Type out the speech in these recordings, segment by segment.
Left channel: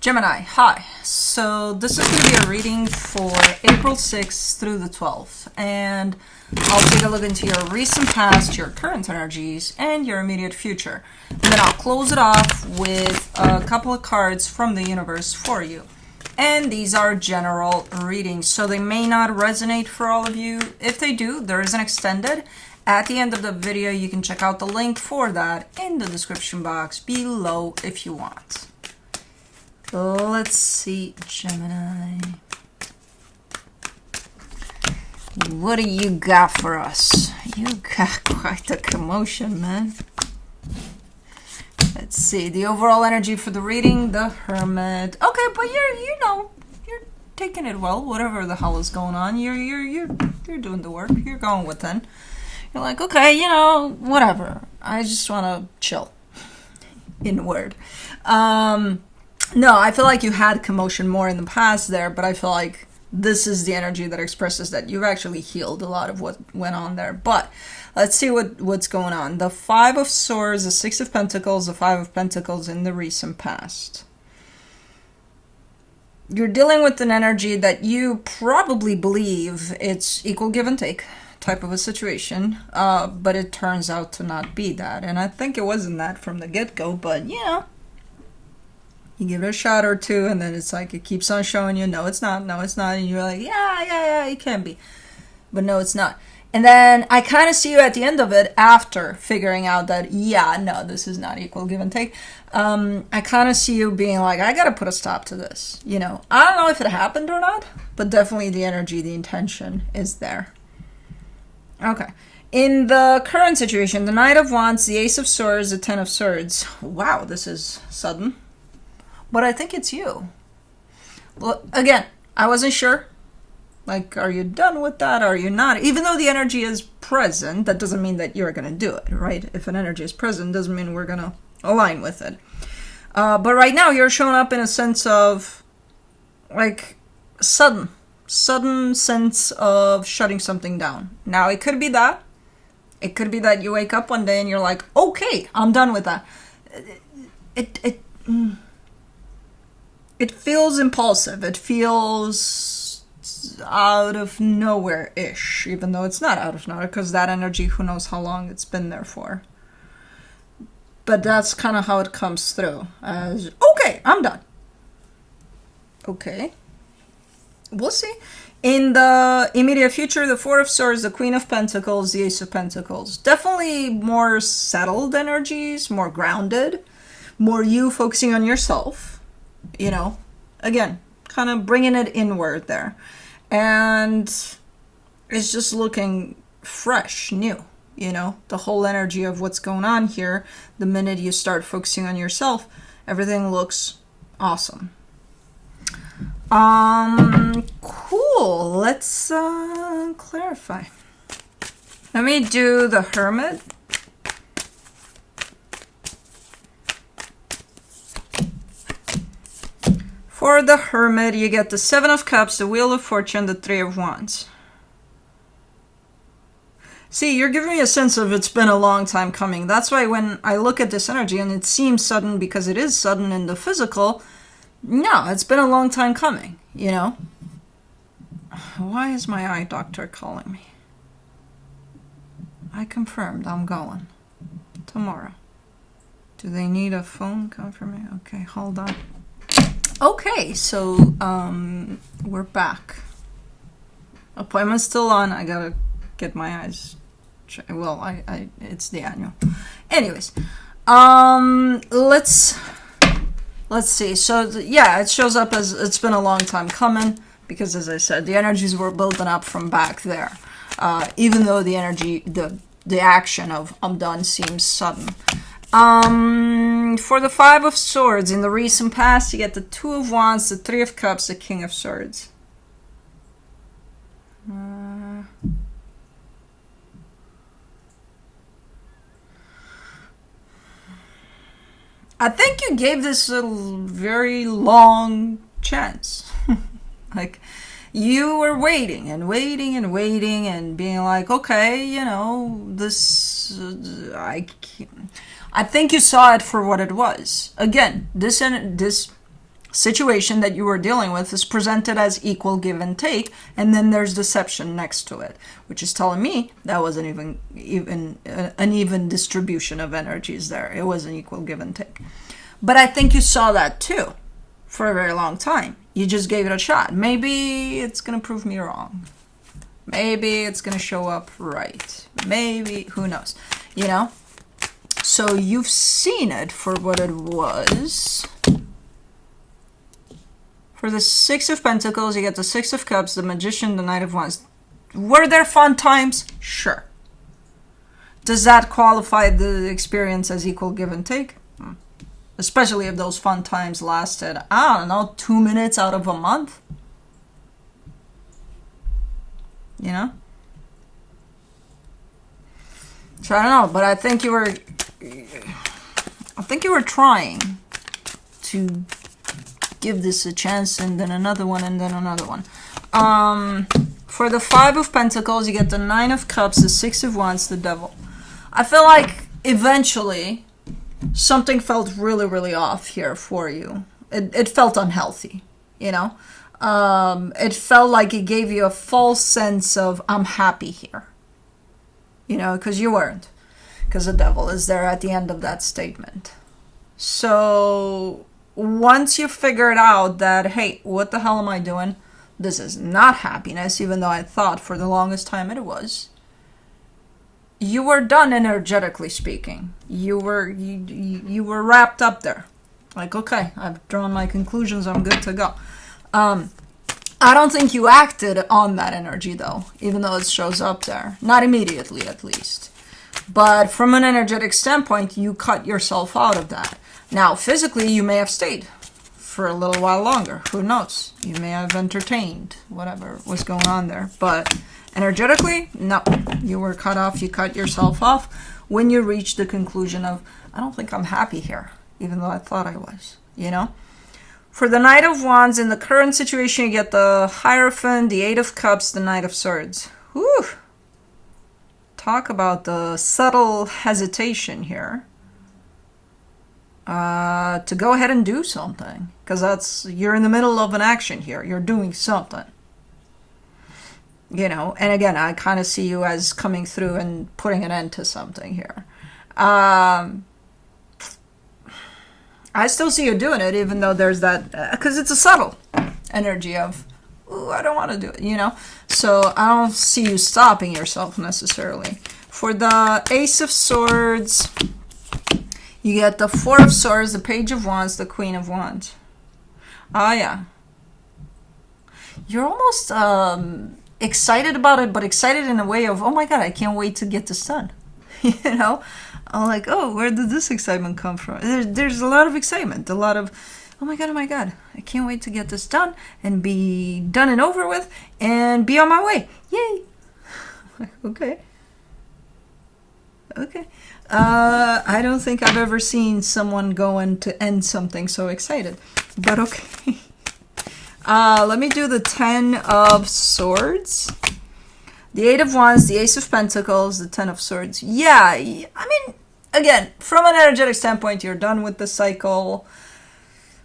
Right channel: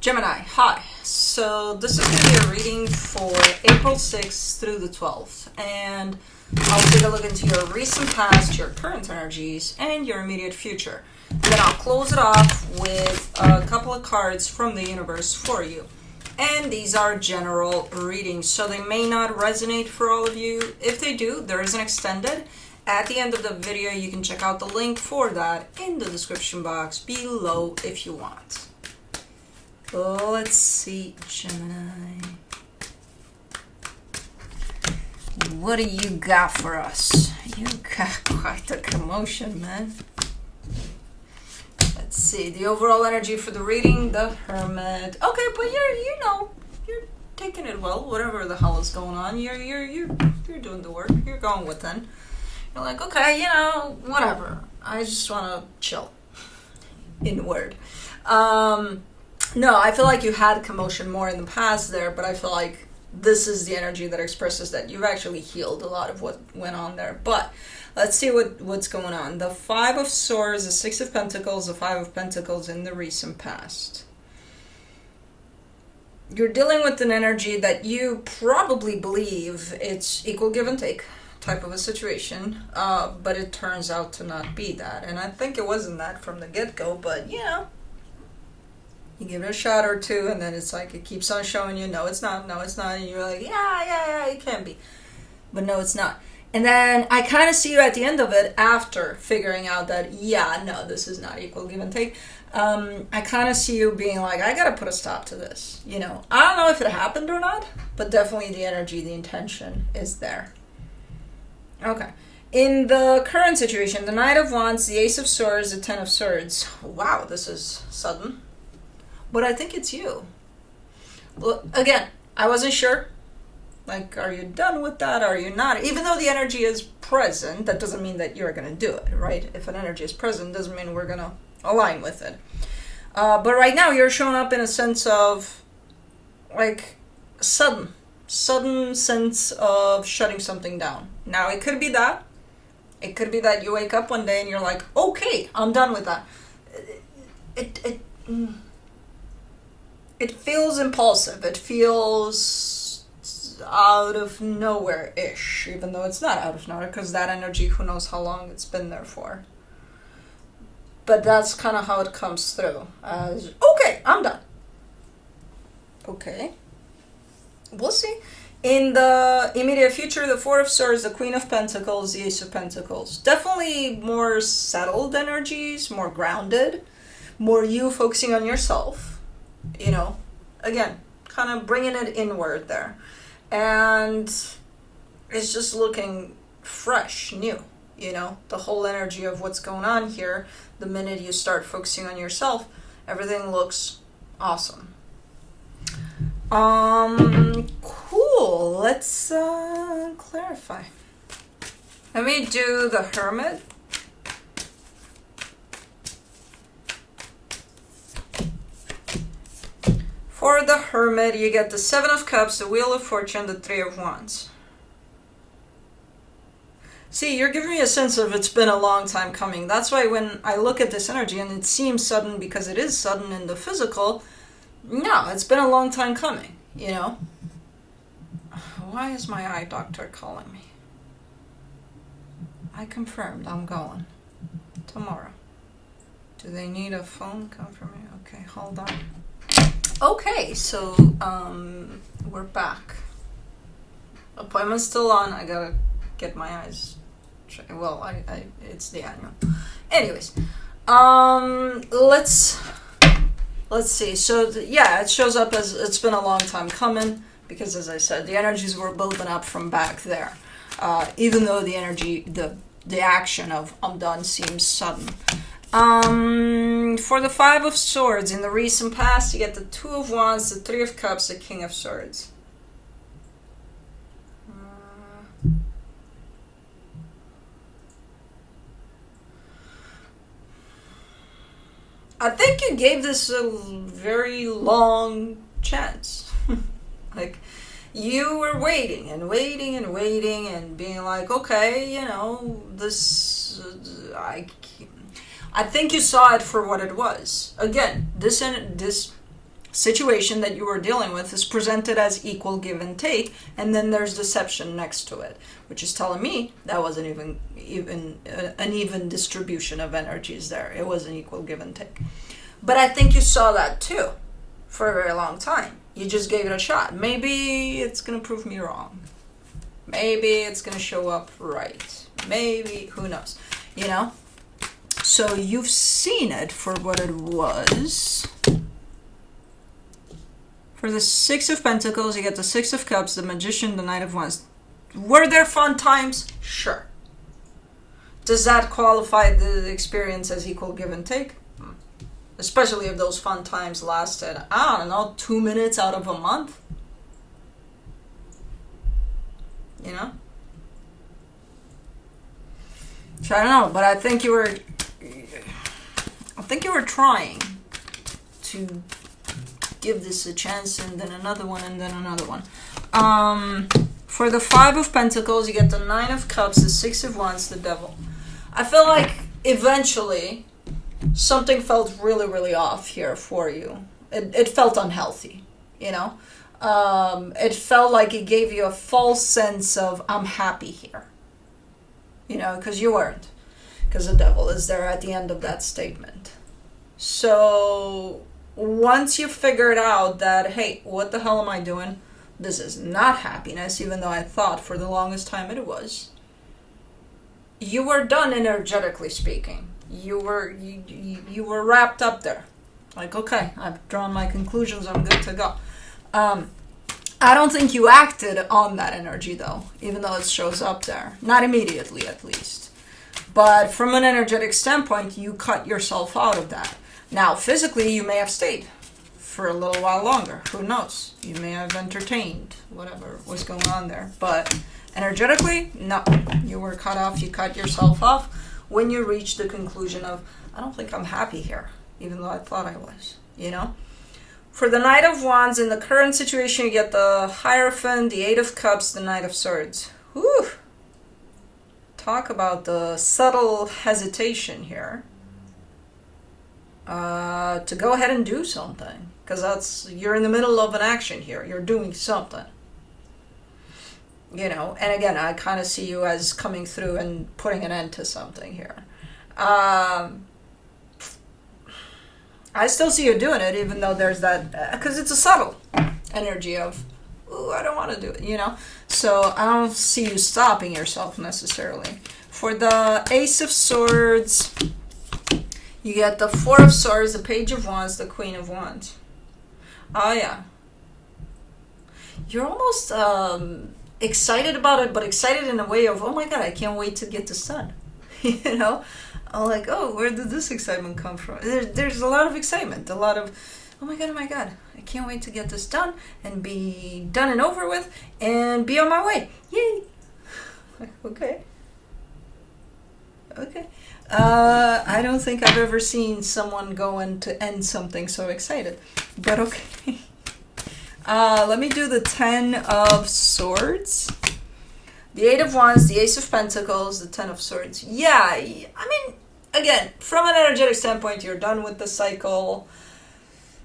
Gemini, hi. So this is going to be a reading for April 6th through the 12th. And I'll take a look into your recent past, your current energies, and your immediate future. And then I'll close it off with a couple of cards from the universe for you. And these are general readings, so they may not resonate for all of you. If they do, there is an extended. At the end of the video, you can check out the link for that in the description box below if you want. Let's see, Gemini. What do you got for us? You got quite the commotion, man. Let's see, the overall energy for the reading, the Hermit. Okay, but you're taking it well. Whatever the hell is going on, you're doing the work. You're going within. You're like, okay, whatever. I just want to chill. Inward. No, I feel like you had commotion more in the past there, but I feel like this is the energy that expresses that you've actually healed a lot of what went on there. But let's see what's going on. The Five of Swords, the Six of Pentacles, the Five of Pentacles in the recent past. You're dealing with an energy that you probably believe it's equal give and take type of a situation, but it turns out to not be that. And I think it wasn't that from the get-go, but you give it a shot or two, and then it's like it keeps on showing you, no, it's not, and you're like, yeah, it can be. But no, it's not. And then I kind of see you at the end of it after figuring out that, no, this is not equal give and take. I kind of see you being like, I got to put a stop to this. I don't know if it happened or not, but definitely the energy, the intention is there. Okay. In the current situation, the Knight of Wands, the Ace of Swords, the Ten of Swords. Wow, this is sudden. But I think it's you. Well, again, I wasn't sure. Like, are you done with that? Are you not? Even though the energy is present, that doesn't mean that you're going to do it, right? If an energy is present, doesn't mean we're going to align with it. But right now, you're showing up in a sense of, like, sudden sense of shutting something down. Now, it could be that. It could be that you wake up one day and you're like, okay, I'm done with that. It feels impulsive. It feels out of nowhere-ish, even though it's not out of nowhere, because that energy, who knows how long it's been there for. But that's kind of how it comes through. As, okay, I'm done. Okay. We'll see. In the immediate future, the Four of Swords, the Queen of Pentacles, the Ace of Pentacles. Definitely more settled energies, more grounded, more you focusing on yourself. Again, kind of bringing it inward there. And it's just looking fresh, new, the whole energy of what's going on here. The minute you start focusing on yourself, everything looks awesome. Cool. Let's clarify. Let me do the Hermit. For the Hermit, you get the Seven of Cups, the Wheel of Fortune, the Three of Wands. See, you're giving me a sense of it's been a long time coming. That's why when I look at this energy, and it seems sudden because it is sudden in the physical, no, it's been a long time coming, Why is my eye doctor calling me? I confirmed I'm going tomorrow. Do they need a phone confirmation? Okay, hold on. Okay, so we're back. Appointment's still on. I gotta get my eyes. Well, I it's the annual. Anyways, let's see. So it shows up as it's been a long time coming because, as I said, the energies were building up from back there. Even though the energy, the action of I'm done seems sudden. For the Five of Swords, in the recent past, you get the Two of Wands, the Three of Cups, the King of Swords. I think you gave this a very long chance. Like, you were waiting and waiting and waiting and being like, okay, this, I think you saw it for what it was. Again, this situation that you were dealing with is presented as equal give and take, and then there's deception next to it, which is telling me that wasn't even an even distribution of energies there. It was an equal give and take. But I think you saw that too for a very long time. You just gave it a shot. Maybe it's going to prove me wrong. Maybe it's going to show up right. Maybe, who knows, you know? So you've seen it for what it was. For the Six of Pentacles, you get the Six of Cups, the Magician, the Knight of Wands. Were there fun times? Sure. Does that qualify the experience as equal give and take? Especially if those fun times lasted, I don't know, 2 minutes out of a month? You know? So I don't know, but I think you were trying to give this a chance, and then another one, and then another one. For the Five of Pentacles, you get the Nine of Cups, the Six of Wands, the Devil. I feel like eventually something felt really, really off here for you. It felt unhealthy, you know? It felt like it gave you a false sense of, I'm happy here. You know, because you weren't. Because the Devil is there at the end of that statement. So once you figured out that, hey, what the hell am I doing? This is not happiness, even though I thought for the longest time it was. You were done, energetically speaking. You were wrapped up there. Like, okay, I've drawn my conclusions, I'm good to go. I don't think you acted on that energy, though, even though it shows up there. Not immediately, at least. But from an energetic standpoint, you cut yourself out of that. Now, physically, you may have stayed for a little while longer. Who knows? You may have entertained whatever was going on there. But energetically, no. You were cut off. You cut yourself off when you reached the conclusion of, I don't think I'm happy here, even though I thought I was, you know? For the Knight of Wands, in the current situation, you get the Hierophant, the Eight of Cups, the Knight of Swords. Whew! Talk about the subtle hesitation here. To go ahead and do something. Because you're in the middle of an action here. You're doing something. You know, and again, I kind of see you as coming through and putting an end to something here. I still see you doing it, even though there's that, because it's a subtle energy of, ooh, I don't want to do it, you know? So I don't see you stopping yourself necessarily. For the Ace of Swords, you get the Four of Swords, the Page of Wands, the Queen of Wands. Oh, yeah. You're almost excited about it, but excited in a way of, oh my God, I can't wait to get this done. You know? I'm like, oh, where did this excitement come from? There's a lot of excitement, a lot of, oh my God, I can't wait to get this done and be done and over with and be on my way. Yay! Okay. I don't think I've ever seen someone going to end something so excited, but okay. Let me do the Ten of Swords. The Eight of Wands, the Ace of Pentacles, the Ten of Swords. Yeah, I mean, again, from an energetic standpoint, you're done with the cycle,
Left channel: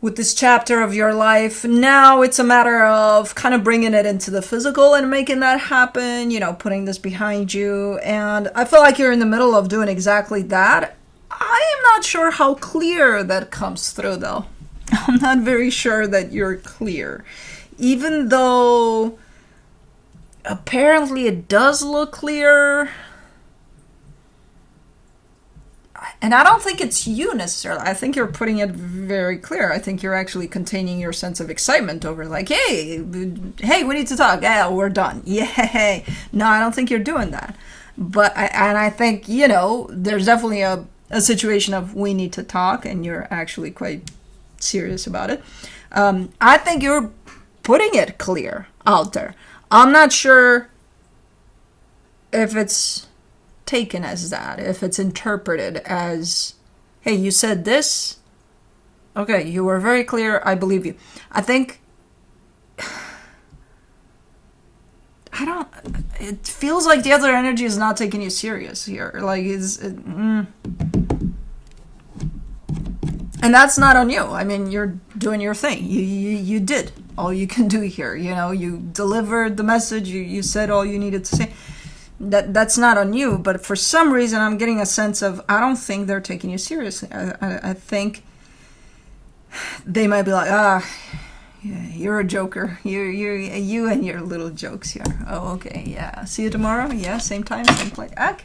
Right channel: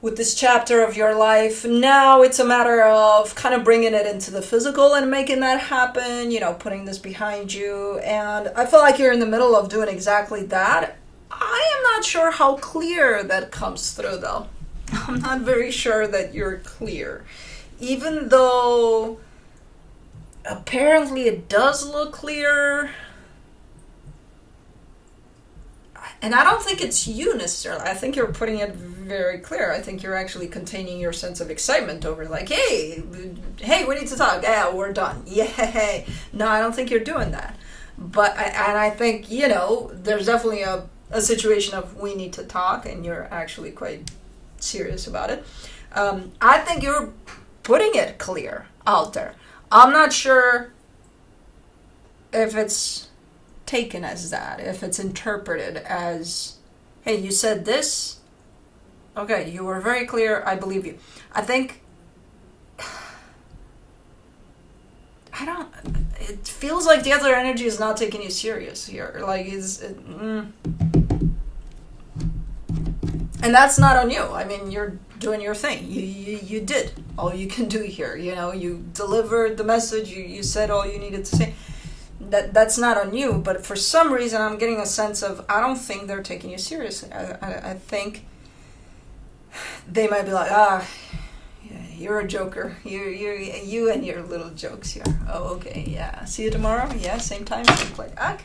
with this chapter of your life. Now it's a matter of kind of bringing it into the physical and making that happen, you know, putting this behind you. And I feel like you're in the middle of doing exactly that. I am not sure how clear that comes through, though. I'm not very sure that you're clear. Even though apparently it does look clear. And I don't think it's you necessarily. I think you're putting it very clear. I think you're actually containing your sense of excitement over like, hey, we need to talk. Yeah, we're done. Yay. No, I don't think you're doing that. But I think, you know, there's definitely a situation of we need to talk, and you're actually quite serious about it. I think you're putting it clear out there. I'm not sure if it's taken as that, if it's interpreted as, hey, you said this. Okay, you were very clear. I believe you. I think, it feels like the other energy is not taking you serious here. Like, and And that's not on you. I mean, you're doing your thing. You did all you can do here. You know, you delivered the message. You said all you needed to say. That's not on you. But for some reason, I'm getting a sense of, I don't think they're taking you seriously. I think they might be like, yeah, you're a joker. You and your little jokes here. Oh, okay, yeah. See you tomorrow. Yeah, same time, same place. Okay.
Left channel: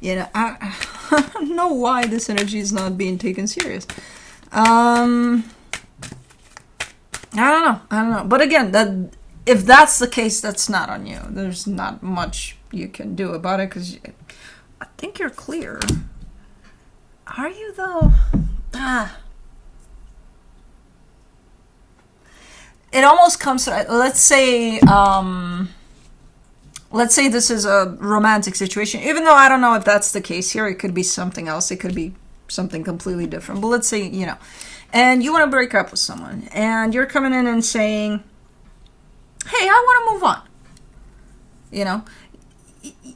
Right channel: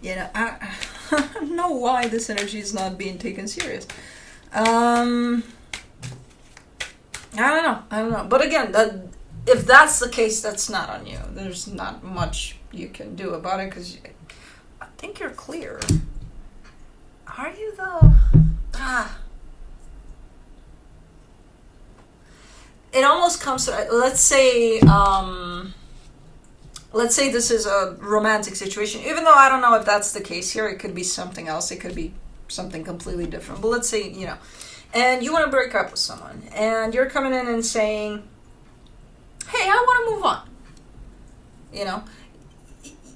You know, I don't know why this energy is not being taken serious. I don't know. But again, if that's the case, that's not on you. There's not much you can do about it, because I think you're clear. Are you though? It almost comes to, let's say this is a romantic situation, even though I don't know if that's the case here. It could be something else. It could be something completely different. But let's say, you know, and you want to break up with someone, and you're coming in and saying, hey, I want to move on. You know,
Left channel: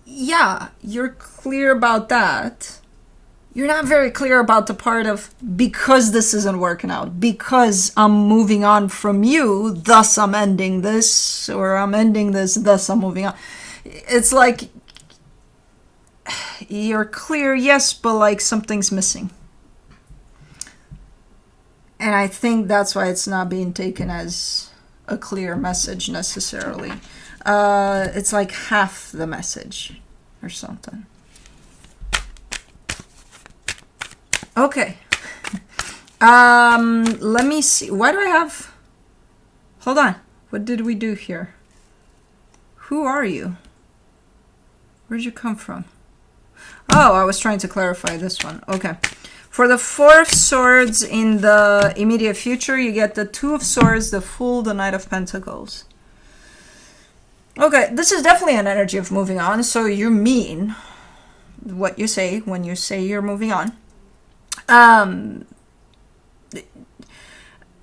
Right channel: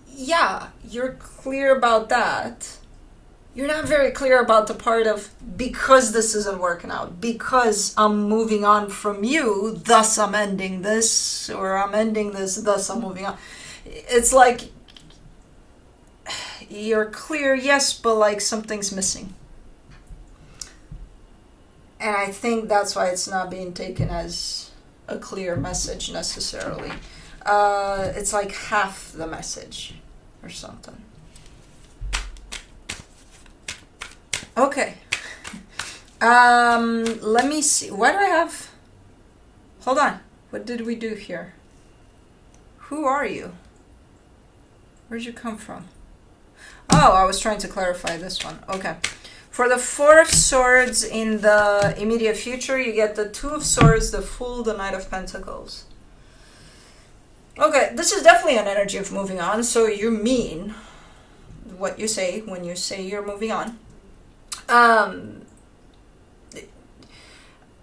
yeah, you're clear about that. You're not very clear about the part of, because this isn't working out, because I'm moving on from you, thus I'm ending this, or I'm ending this, thus I'm moving on. It's like, you're clear, yes, but like something's missing. And I think that's why it's not being taken as a clear message necessarily. It's like half the message or something. Okay. Let me see. Why do I have... Hold on. What did we do here? Who are you? Where'd you come from? Oh, I was trying to clarify this one. Okay. For the Four of Swords in the immediate future, you get the Two of Swords, the Fool, the Knight of Pentacles. Okay, this is definitely an energy of moving on. So you mean what you say when you say you're moving on.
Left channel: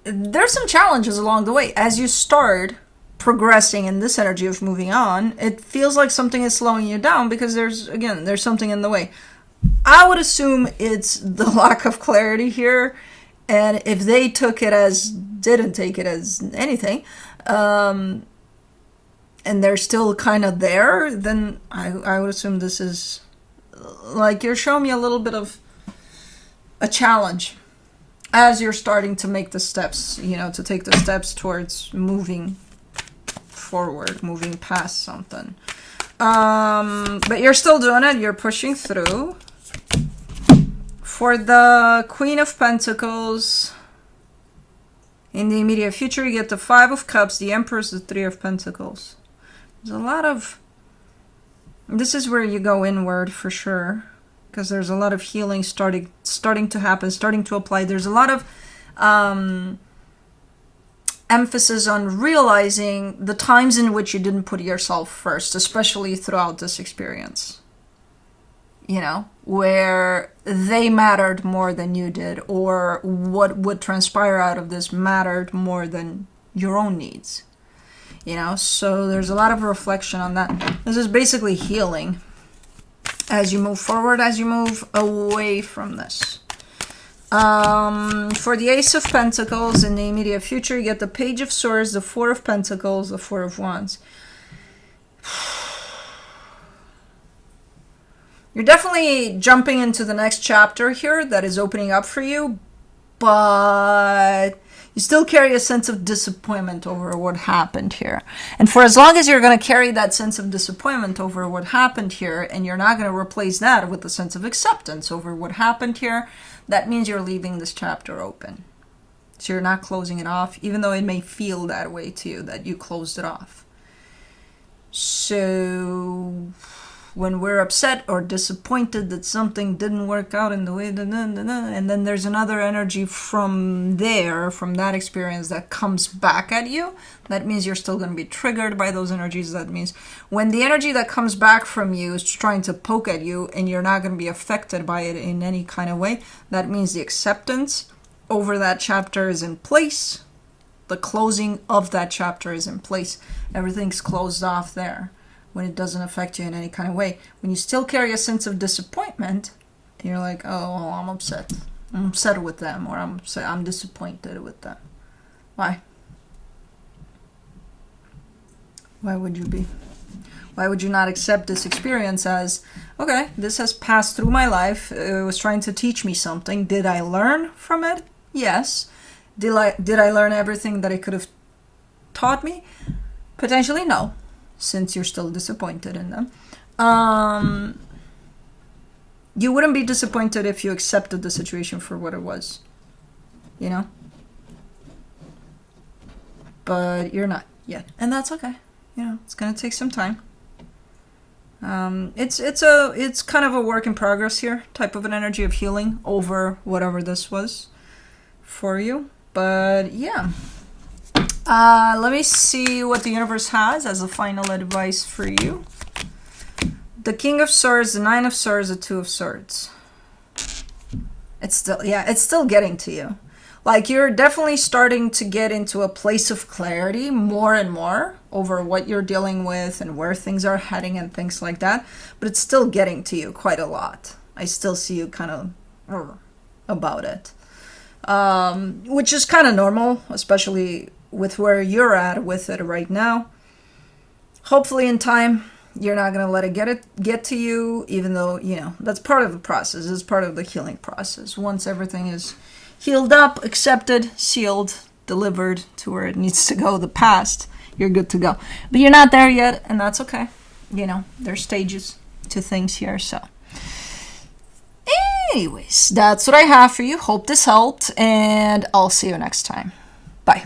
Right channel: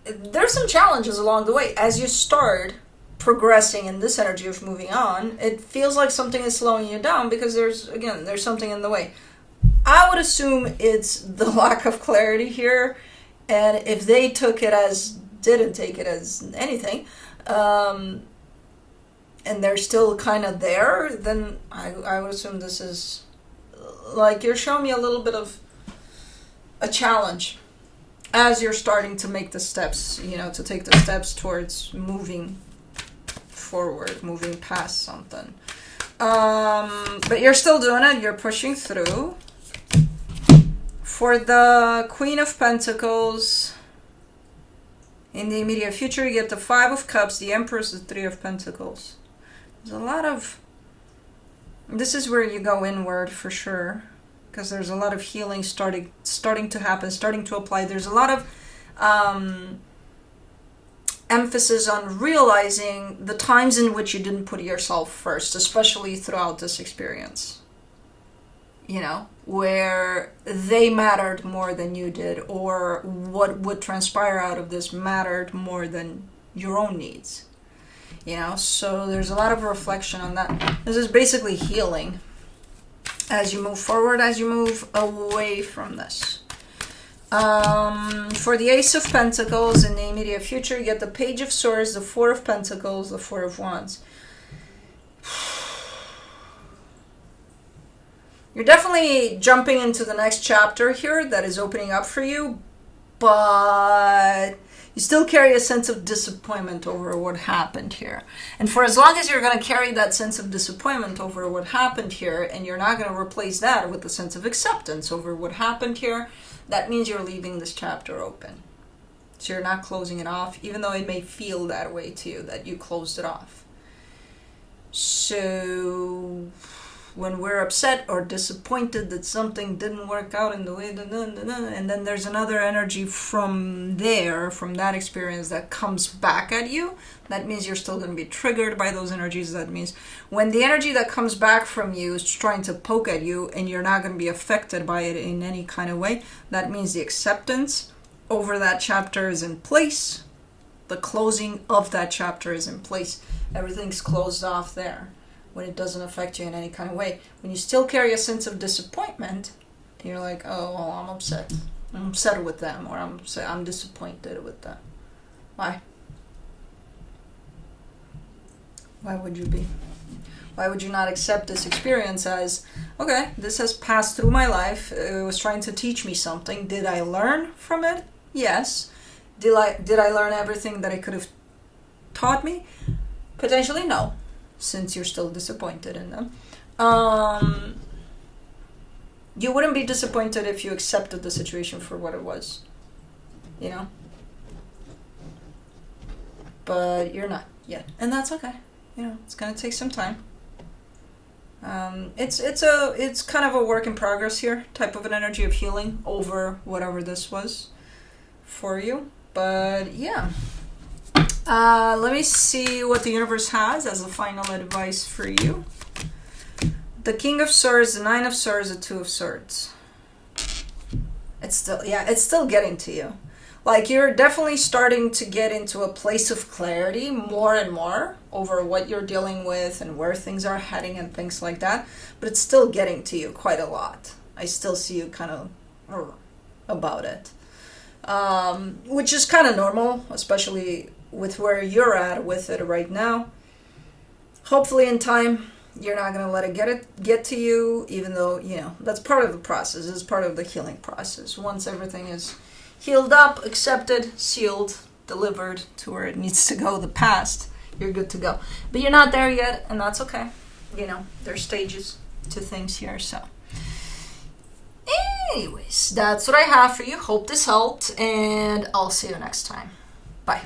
There's some challenges along the way. As you start progressing in this energy of moving on, it feels like something is slowing you down because there's something in the way. I would assume it's the lack of clarity here, and if they didn't take it as anything, and they're still kind of there, then I would assume this is like you're showing me a little bit of a challenge as you're starting to make the steps, you know, to take the steps towards moving forward, moving past something. But you're still doing it. You're pushing through. For the Queen of Pentacles, in the immediate future, you get the Five of Cups, the Empress, the Three of Pentacles. There's a lot of... This is where you go inward for sure, because there's a lot of healing starting to happen, starting to apply. There's a lot of emphasis on realizing the times in which you didn't put yourself first, especially throughout this experience. You know, where they mattered more than you did, or what would transpire out of this mattered more than your own needs. You know, so there's a lot of reflection on that. This is basically healing as you move forward, as you move away from this. For the Ace of Pentacles in the immediate future, you get the Page of Swords, the Four of Pentacles, the Four of Wands. You're definitely jumping into the next chapter here that is opening up for you, but you still carry a sense of disappointment over what happened here. And for as long as you're going to carry that sense of disappointment over what happened here, and you're not going to replace that with a sense of acceptance over what happened here, that means you're leaving this chapter open. So you're not closing it off, even though it may feel that way to you, that you closed it off. So when we're upset or disappointed that something didn't work out in the way, and then there's another energy from there, from that experience that comes back at you, that means you're still going to be triggered by those energies. That means when the energy that comes back from you is trying to poke at you and you're not going to be affected by it in any kind of way, that means the acceptance over that chapter is in place. The closing of that chapter is in place. Everything's closed off there. When it doesn't affect you in any kind of way. When you still carry a sense of disappointment, you're like, oh, well, I'm upset. I'm upset with them, or I'm disappointed with them. Why? Why would you be? Why would you not accept this experience as, okay, this has passed through my life. It was trying to teach me something. Did I learn from it? Yes. Did I learn everything that it could have taught me? Potentially no, since you're still disappointed in them. You wouldn't be disappointed if you accepted the situation for what it was, you know? But you're not yet, and that's okay. You know, it's gonna take some time. It's kind of a work in progress here, type of an energy of healing over whatever this was for you. But yeah, let me see what the universe has as a final advice for you. The King of Swords, the Nine of Swords, the Two of Swords. It's still getting to you. Like, you're definitely starting to get into a place of clarity more and more over what you're dealing with and where things are heading and things like that. But it's still getting to you quite a lot. I still see you kind of about it. Which is kind of normal, especially with where you're at with it right now. Hopefully in time, you're not going to let it get to you, even though, you know, that's part of the process. It's part of the healing process. Once everything is healed up, accepted, sealed, delivered to where it needs to go, the past, you're good to go. But you're not there yet, and that's okay. You know, there's stages to things here, so. Anyways, that's what I have for you. Hope this helped, and I'll see you next time. Bye.